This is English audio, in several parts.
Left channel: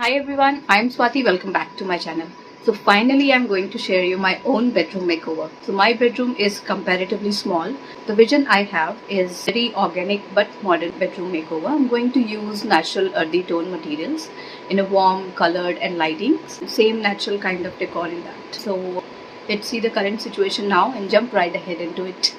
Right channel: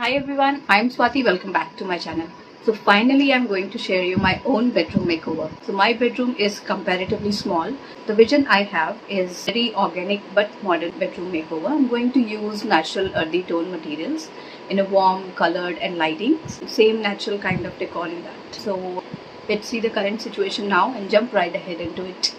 Hi everyone, I'm Swati. Welcome back to my channel. So finally I'm going to share you my own bedroom makeover. So my bedroom is comparatively small. The vision I have is very organic but modern bedroom makeover. I'm going to use natural earthy tone materials in a warm, colored and lighting. Same natural kind of decor in that. So let's see the current situation now and jump right ahead into it.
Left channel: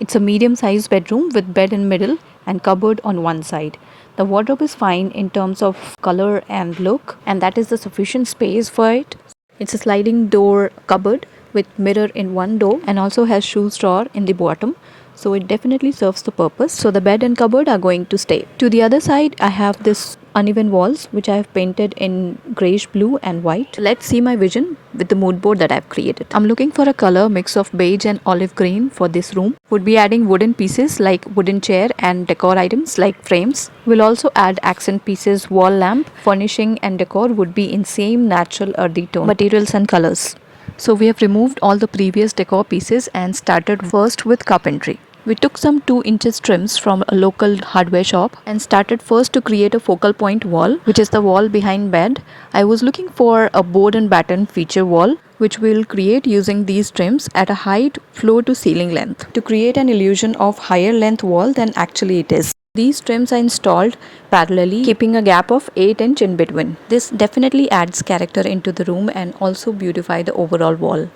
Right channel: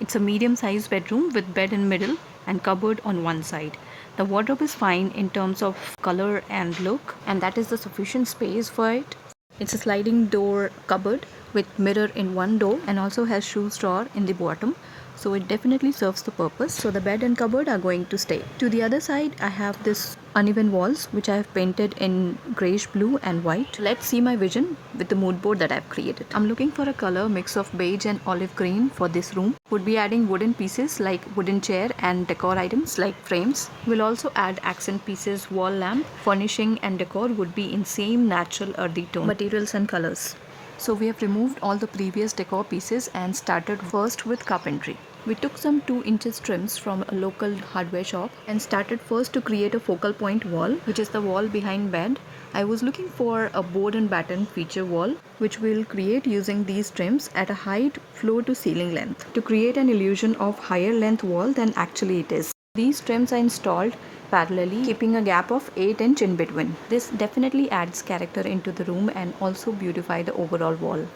It's a medium-sized bedroom with bed in middle and cupboard on one side. The wardrobe is fine in terms of color and look, and that is the sufficient space for it. It's a sliding door cupboard with mirror in one door and also has shoe drawer in the bottom. So it definitely serves the purpose. So the bed and cupboard are going to stay. To the other side, I have this uneven walls which I have painted in grayish blue and white. Let's see my vision with the mood board that I've created. I'm looking for a color mix of beige and olive green for this room. Would be adding wooden pieces like wooden chair and decor items like frames. We'll also add accent pieces, wall lamp, furnishing and decor would be in same natural earthy tone materials and colors. So we have removed all the previous decor pieces and started first with carpentry. We took some 2 inches trims from a local hardware shop and started first to create a focal point wall, which is the wall behind bed. I was looking for a board and batten feature wall, which we'll create using these trims at a height floor to ceiling length to create an illusion of higher length wall than actually it is. These trims are installed parallelly, keeping a gap of 8 inch in between. This definitely adds character into the room and also beautify the overall wall.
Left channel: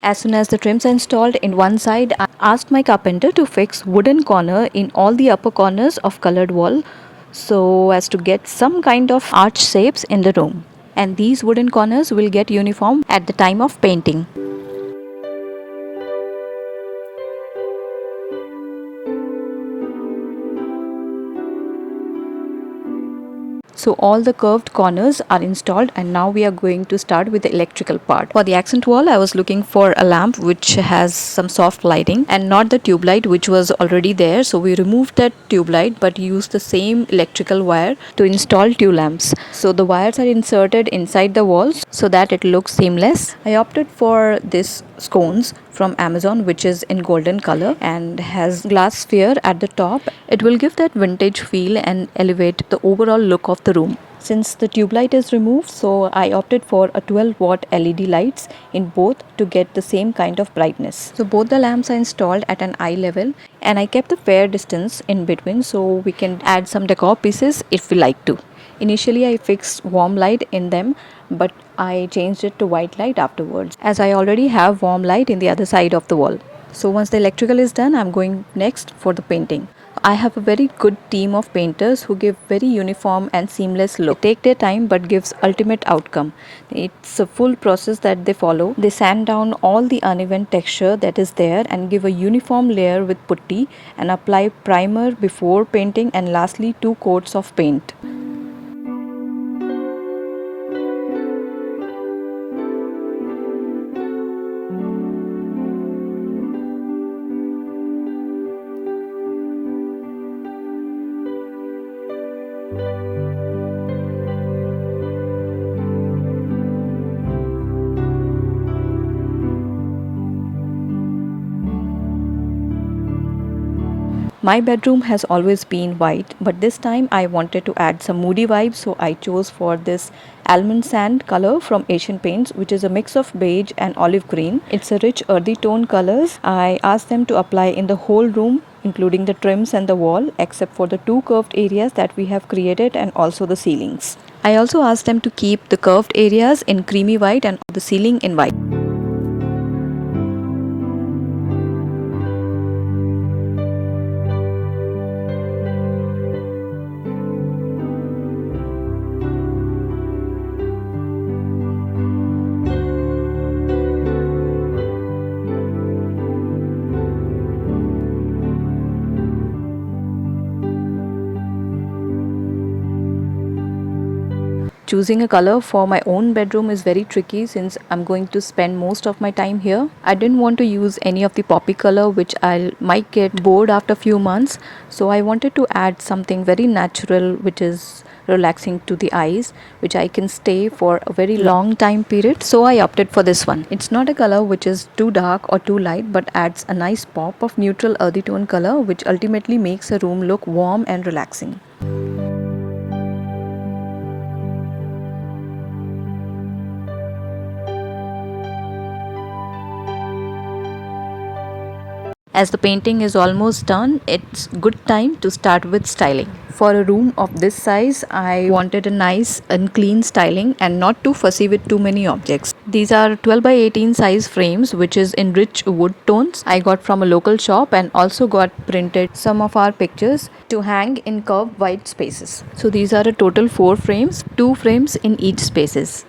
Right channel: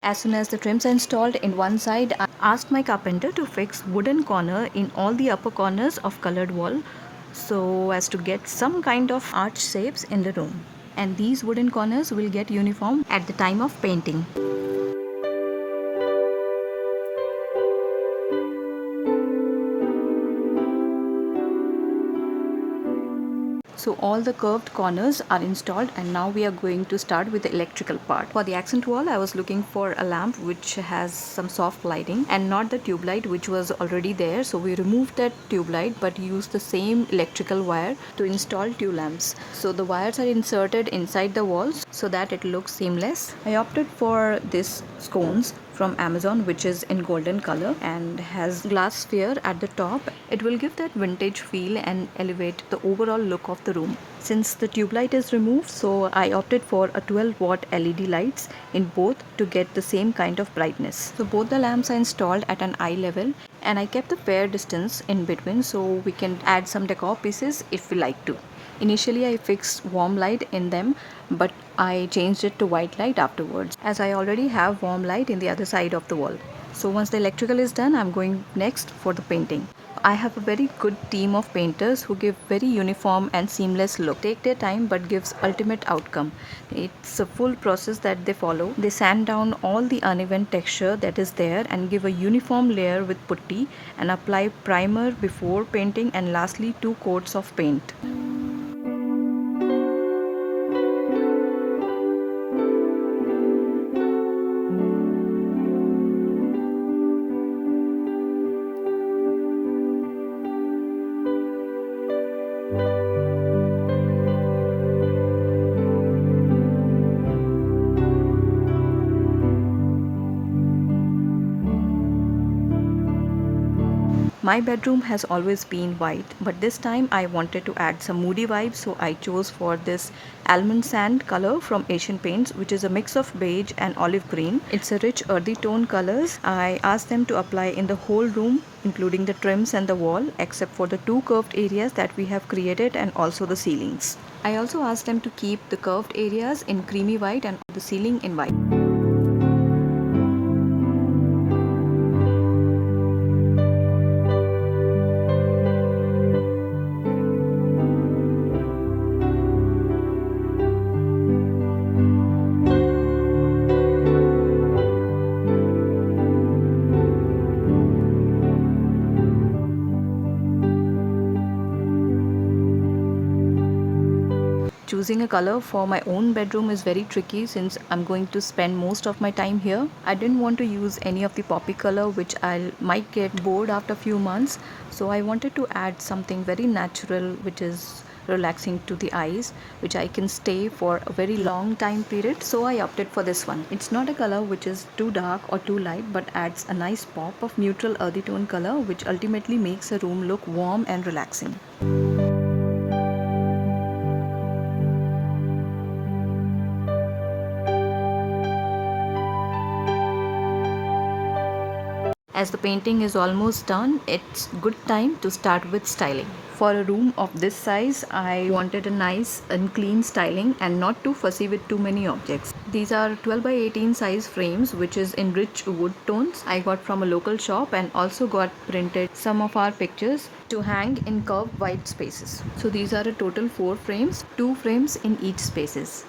As soon as the trims are installed in one side, I asked my carpenter to fix wooden corner in all the upper corners of colored wall so as to get some kind of arch shapes in the room. And these wooden corners will get uniform at the time of painting. So all the curved corners are installed and now we are going to start with the electrical part. For the accent wall, I was looking for a lamp which has some soft lighting and not the tube light which was already there. So we removed that tube light but used the same electrical wire to install two lamps. So the wires are inserted inside the walls so that it looks seamless. I opted for this scones from Amazon which is in golden color and has glass sphere at the top. It will give that vintage feel and elevate the overall look of the room. Since the tube light is removed, so I opted for a 12-watt LED lights in both to get the same kind of brightness. So both the lamps are installed at an eye level and I kept a fair distance in between so we can add some decor pieces if we like to. Initially I fixed warm light in them but I changed it to white light afterwards as I already have warm light in the other side of the wall. So once the electrical is done, I'm going next for the painting. I have a very good team of painters who give very uniform and seamless look. They take their time but gives ultimate outcome. It's a full process that they follow. They sand down all the uneven texture that is there and give a uniform layer with putty and apply primer before painting and lastly 2 coats of paint. My bedroom has always been white, but this time I wanted to add some moody vibes, so I chose for this almond sand color from Asian Paints, which is a mix of beige and olive green. It's a rich earthy tone colors. I asked them to apply in the whole room, including the trims and the wall, except for the 2 curved areas that we have created and also the ceilings. I also asked them to keep the curved areas in creamy white and the ceiling in white. Choosing a color for my own bedroom is very tricky since I'm going to spend most of my time here. I didn't want to use any of the poppy color which I might get bored after a few months. So I wanted to add something very natural which is relaxing to the eyes, which I can stay for a very long time period. So I opted for this one. It's not a color which is too dark or too light, but adds a nice pop of neutral earthy tone color which ultimately makes a room look warm and relaxing. As the painting is almost done, it's good time to start with styling. For a room of this size, I wanted a nice and clean styling and not too fussy with too many objects. These are 12 by 18 size frames which is in rich wood tones. I got from a local shop and also got printed some of our pictures to hang in curved white spaces. So these are a total 4 frames, 2 frames in each spaces.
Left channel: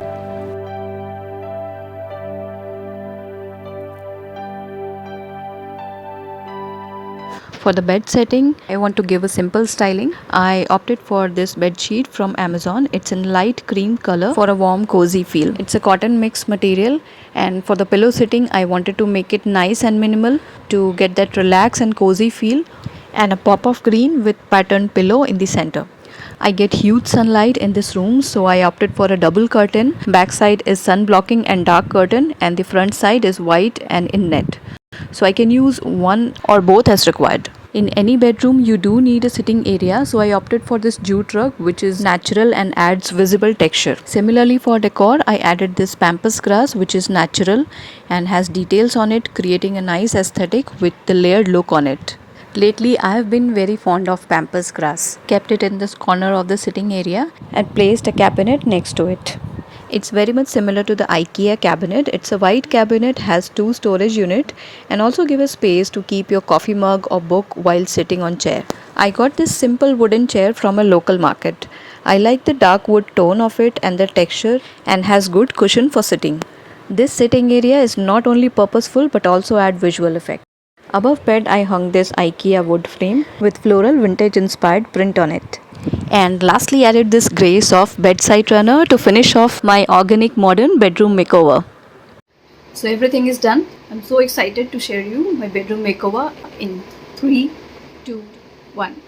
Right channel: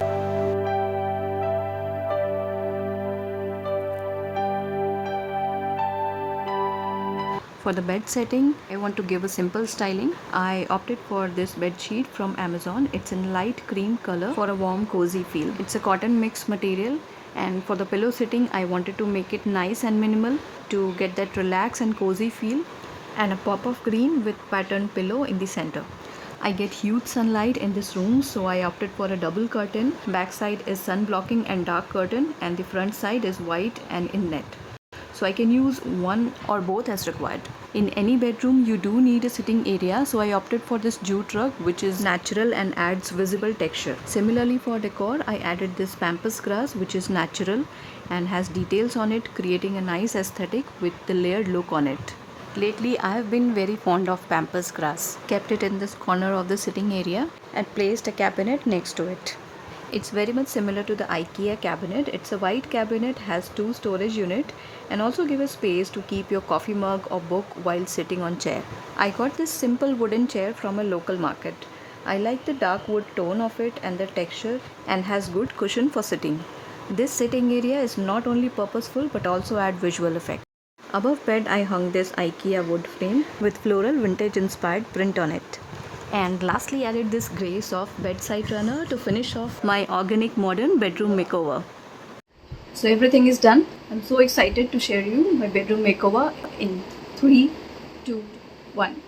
For the bed setting, I want to give a simple styling. I opted for this bed sheet from Amazon. It's in light cream color for a warm cozy feel. It's a cotton mix material, and for the pillow sitting, I wanted to make it nice and minimal to get that relaxed and cozy feel, and a pop of green with patterned pillow in the center. I get huge sunlight in this room, so I opted for a double curtain. Back side is sun blocking and dark curtain, and the front side is white and in net. So I can use one or both as required. In any bedroom you do need a sitting area, so I opted for this jute rug which is natural and adds visible texture. Similarly for decor, I added this pampas grass which is natural and has details on it, creating a nice aesthetic with the layered look on it. Lately I have been very fond of pampas grass. Kept it in this corner of the sitting area and placed a cabinet next to it. It's very much similar to the IKEA cabinet. It's a white cabinet, has 2 storage unit and also give a space to keep your coffee mug or book while sitting on chair. I got this simple wooden chair from a local market. I like the dark wood tone of it and the texture, and has good cushion for sitting. This sitting area is not only purposeful but also add visual effect. Above bed I hung this IKEA wood frame with floral vintage inspired print on it. And lastly added this grey soft bedside runner to finish off my organic modern bedroom makeover. So everything is done. I'm so excited to share you my bedroom makeover in 3, 2, 1.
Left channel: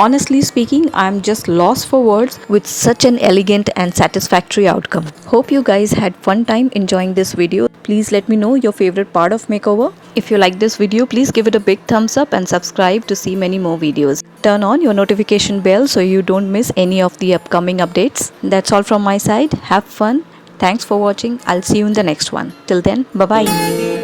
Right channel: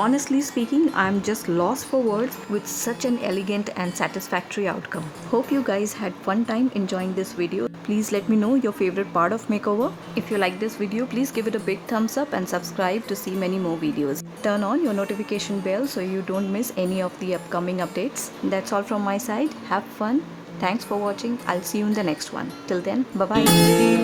Honestly speaking, I'm just lost for words with such an elegant and satisfactory outcome. Hope you guys had fun time enjoying this video. Please let me know your favorite part of makeover. If you like this video, please give it a big thumbs up and subscribe to see many more videos. Turn on your notification bell so you don't miss any of the upcoming updates. That's all from my side. Have fun. Thanks for watching. I'll see you in the next one. Till then, bye bye.